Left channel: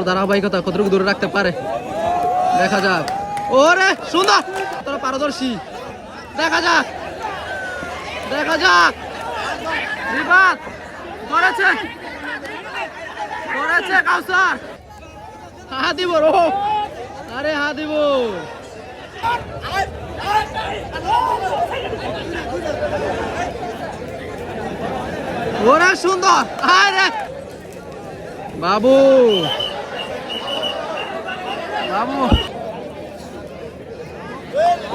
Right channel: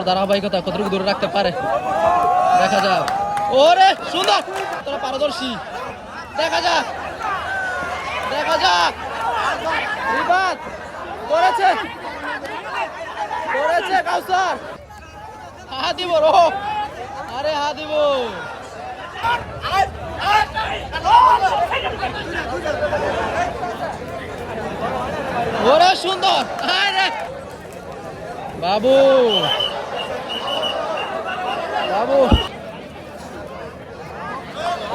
ভালো ধারাবাহিকতা কতটুকু দূরে রাখতে পারে? দেখা যাক। ওরে সুন্দর! তোরা পারদর্শী। দেখা যাক। দেখা যাক। রিবাদ করেছে। করেছে কাউসার। হা দিব রো। আরে হা দিব ওরে সুন্দর! আরে বাবু। বাবু।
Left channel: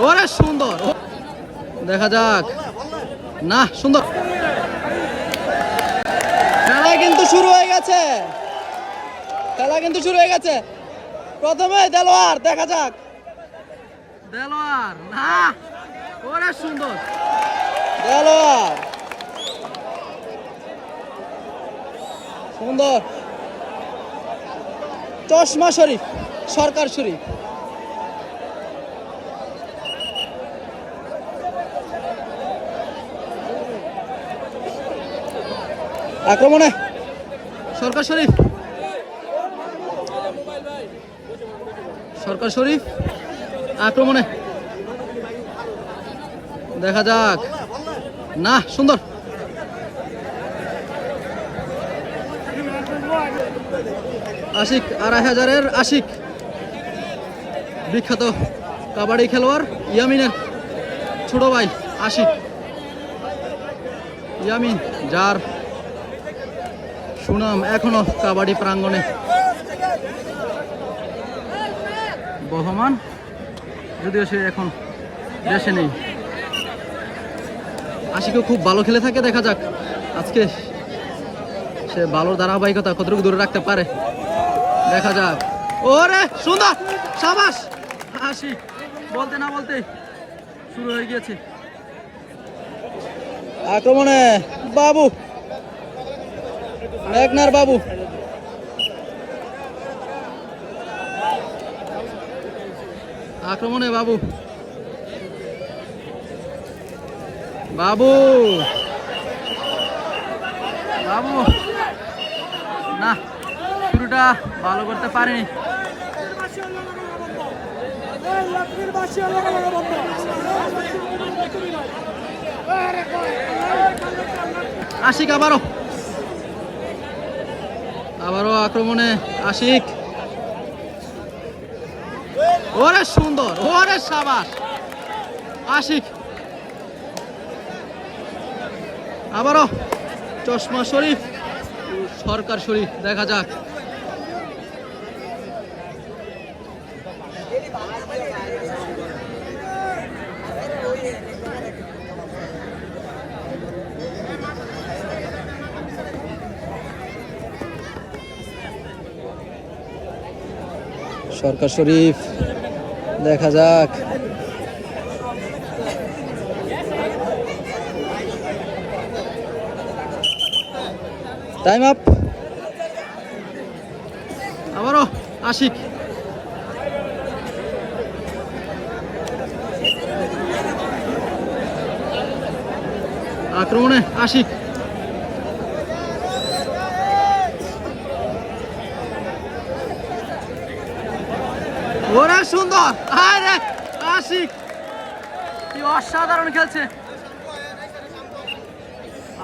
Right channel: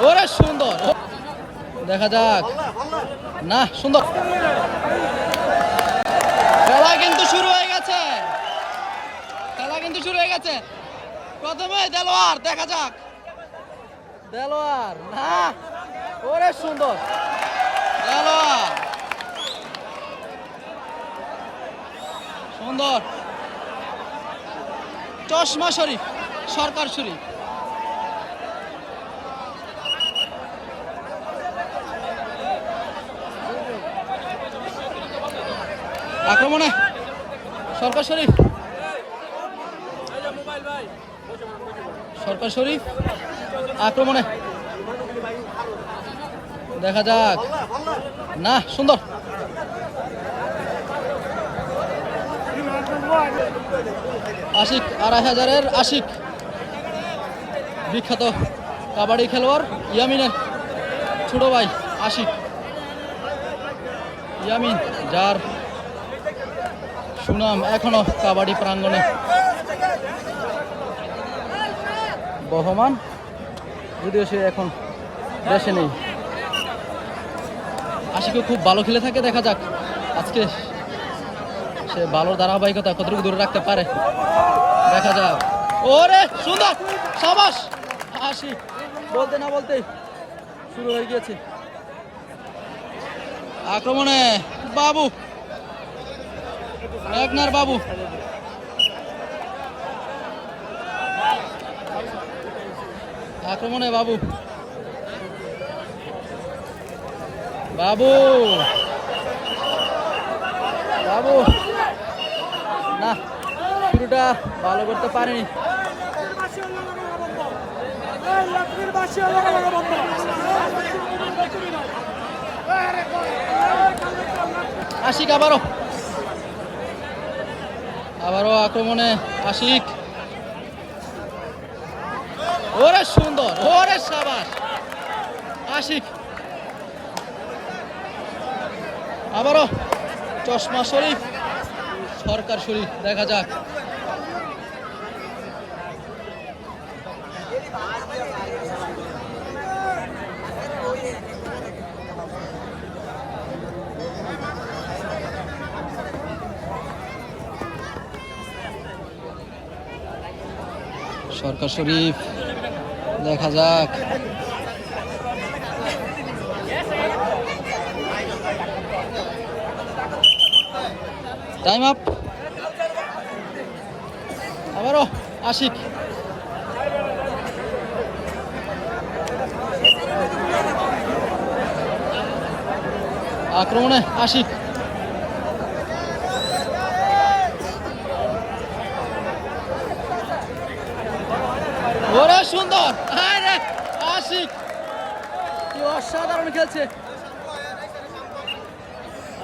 ওরে সুন্দর। দেখা যাক। না, সুন্দর। খেলা কিন্তু শুরু হয়ে গেছে। খেলা কিন্তু শুরু হয়ে গেছে। প্রথমে দেলোয়ার, দেখা যাক। দেলোয়ার, না। ওরে সুন্দর। দেলোয়ার। সুন্দর। চশমা শরীফ। সরকার শরীফ আক্রমণে সরকার শরীফ। সরকার শরীফ আক্রমণে। দেখা যাক। না, সুন্দর। আশিক আড়াই হাজারের আশিক। বিখ্যাত কাবাডি খেলোয়াড় ইয়ামিনের ছোট ভাই আশিক। ইয়ামিন, যার সুনাম এখনও কাবাডি প্রাঙ্গণে। বহমান, যদিও সে এখন দেশে নেই। আশিকও খুব ভালো খেলে থাকে, দেখা যাক। আজকে সে ভালো ধারাবাহিকতা কতটুকু দূরে রাখতে পারে, দেখা যাক। ওরে, সুন্দর! সাবাস! আশিক বলতে না বলতে শুরু হয়ে গিয়েছে। আক্রমণে বাবু। মেঘনার বাবু। আক্রমণে বাবু। বাবু। বাবু। না, শুরুটা ভালো করতে পারেনি। আশিক, আবারও। আবারও আক্রমণে আশিক। ওরে সুন্দর, ওরে সাবাস। আশিক। আবারও চশমা শরীফ, সরকার শরীফ, দেখা যাক। সরকার শরীফ দেখা যাক। টাইম আপ আমারও আশিক আক্রমণে আশিক ওরে সুন্দর, আরে আশিক কি অসাধারণ খেলছে।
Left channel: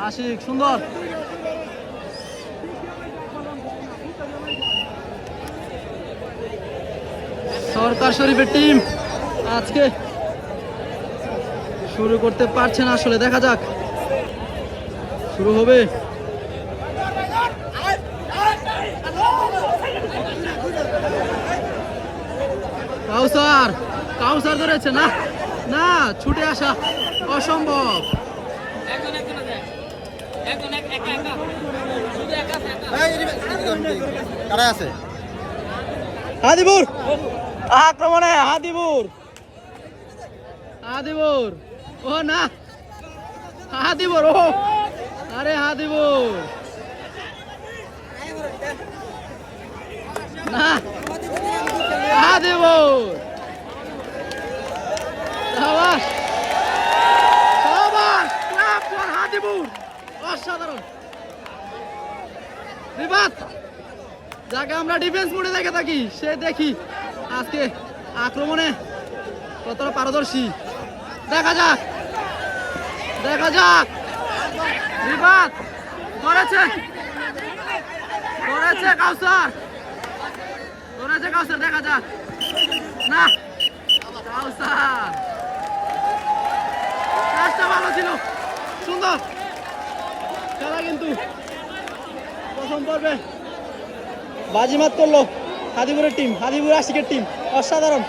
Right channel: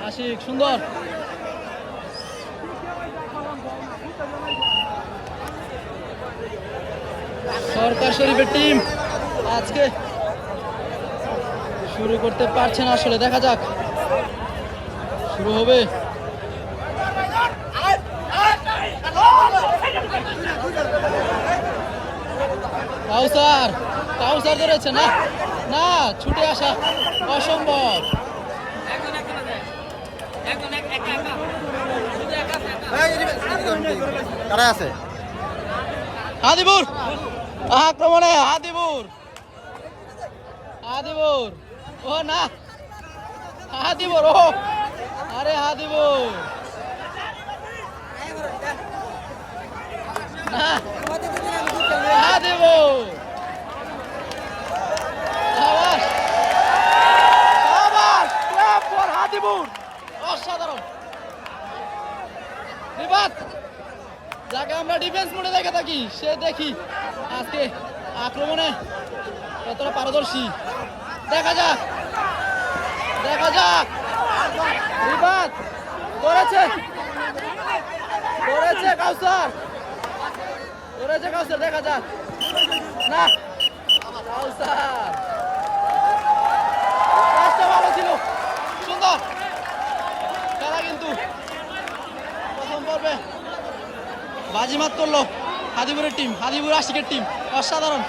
আশিক সুন্দর। সরকার শরীফের টিম আজকে শুরু করতে পারছে না আসলে, দেখা যাক। শুরু হবে। কাউসার কাউসার ধরেছে না না ছুটে আসা অসম্ভব। কারা আছে? হাদিবুর। আক্রমণে হাদিবুর। হাদিবুর। ও না। আরে হাদিবুর না হাদিবুর সাবাস। সাবাস। ক্লাপ ফর হাদিবুর অসাধারণ। বিবাদ যাকে আমরা ডিফেন্স মোডে দেখে থাকি সে দেখি আজকে আক্রমণে কতটা পারদর্শী। দেখা যাক দেখা যাক রিবাদ করেছে করেছে কাউসার। করেছে কাউসার, দেখা যাক। না, কাউসার। কাজটা ভালো ছিল। সুন্দর। খেলা কিন্তু প্রথম পর্বে বাজিমাত করল হাদিপুরের টিম হাদিপুর আশিকের টিম অসাধারণ।